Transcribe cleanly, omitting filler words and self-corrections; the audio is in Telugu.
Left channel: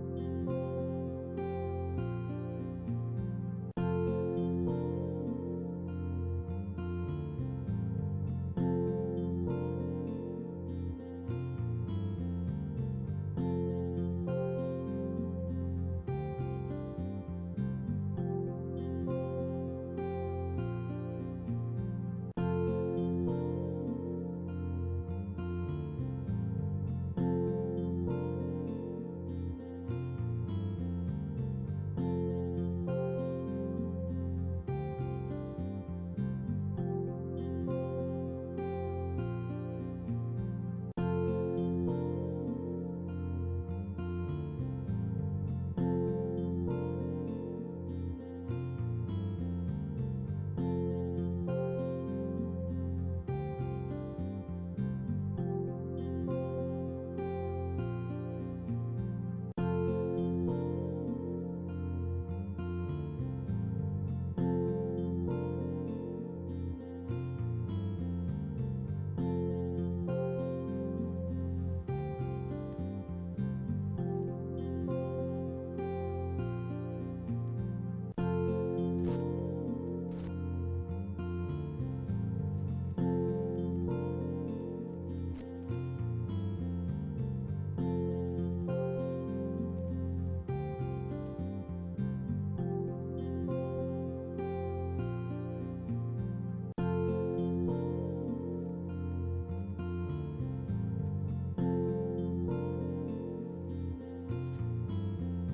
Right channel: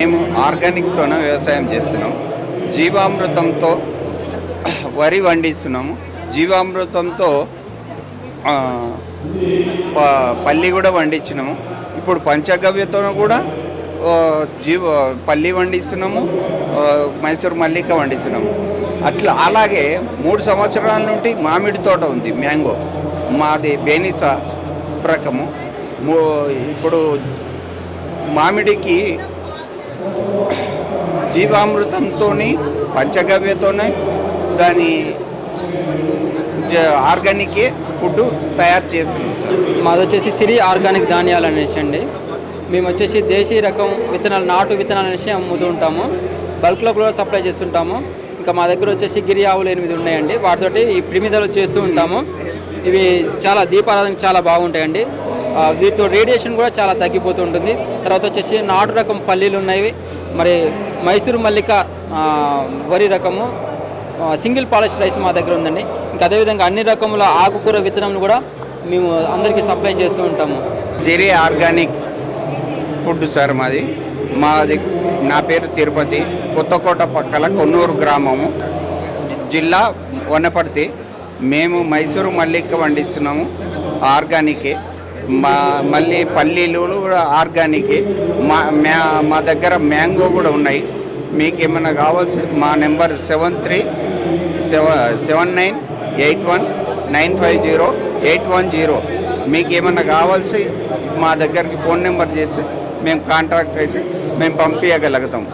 మేము ఆర్గానిక్తోనే వ్యవసాయం చేస్తున్నాం. జీవామృతంతో వరి పండిస్తున్నాము. జీవామృతంతో ఆ, పల్లి కూడా పండించినాము. ఇప్పుడు పంచగవ్యతో కూడా ఆ, పల్లి పండిస్తున్నాము. మైసూర్ మల్లిక పండిస్తున్నాము. అలాగే 3 సంవత్సరాల నుండి మామిడి తోట ఉంది, మ్యాంగో. మాది బేనిసా రకము. ఇప్పుడు మామిడికి జీవామృతంతో పంచగవ్యతోనే దాని ఆర్గానిక్ ఫుడ్ తయారు చేస్తున్నాం సార్. మాది వచ్చేసి సిరి ఆర్గానిక్ ధాన్యాలు అనేసి అండి. మేము వచ్చేసి దేశీయ రకం విత్తనాలు, నాటు విత్తనాలు అనేసి అమ్ముతూ ఉంటాము. బల్క్లో కూడా సప్లై చేస్తుంటాము. ఇంకా మా దగ్గర వచ్చేసి గిరి ఆవులు 8 ఉన్నాయండి. వాటితోటి ఈ ప్రిమిదలు చేస్తూ ఉంటాము. ఇవి చాలా దీపారాధనకు చాలా బాగుంటాయండి. వీటితో రేడియేషన్ కూడా చాలా తగ్గిపోతూ ఉంటుంది. తర్వాత వచ్చేసి నాటు రకం పల్లీలు ఉన్నాయి. మరి మైసూరు మల్లిక వరి రకము, సింగిల్ పాలిష్ రైస్ మా దగ్గర ఉందండి. ఇంకా అదేవిధంగా అన్ని రకముల ఆకుకూర విత్తనాలు కూడా మేము అందరికీ సప్లై చేస్తూ ఉంటాము. సిరి ఆర్గానిక్ ఫుడ్ సార్ మాది. నా పేరు తిరుపతి, కొత్తకోట పక్కల కొన్నూరు గ్రామము, జిల్లా వనపర్తి. మేము మైసూరు మల్లిక పండిస్తున్నాము, ఆర్గానికే. మళ్ళీ పల్లీలు కూడా ఆర్గానికే. మా దగ్గర మ్యాంగో కూడా ఉన్నాయి. మీకు ఏమైనా కావాల్సి మా నెంబర్ 737981950810. మీకు ఏమైనా కావాల్సి మా దగ్గరికి ఫోన్ నెంబర్ చేస్తే మేము కాంటాక్ట్ అయితే మేము పంపించగలుగుతాం.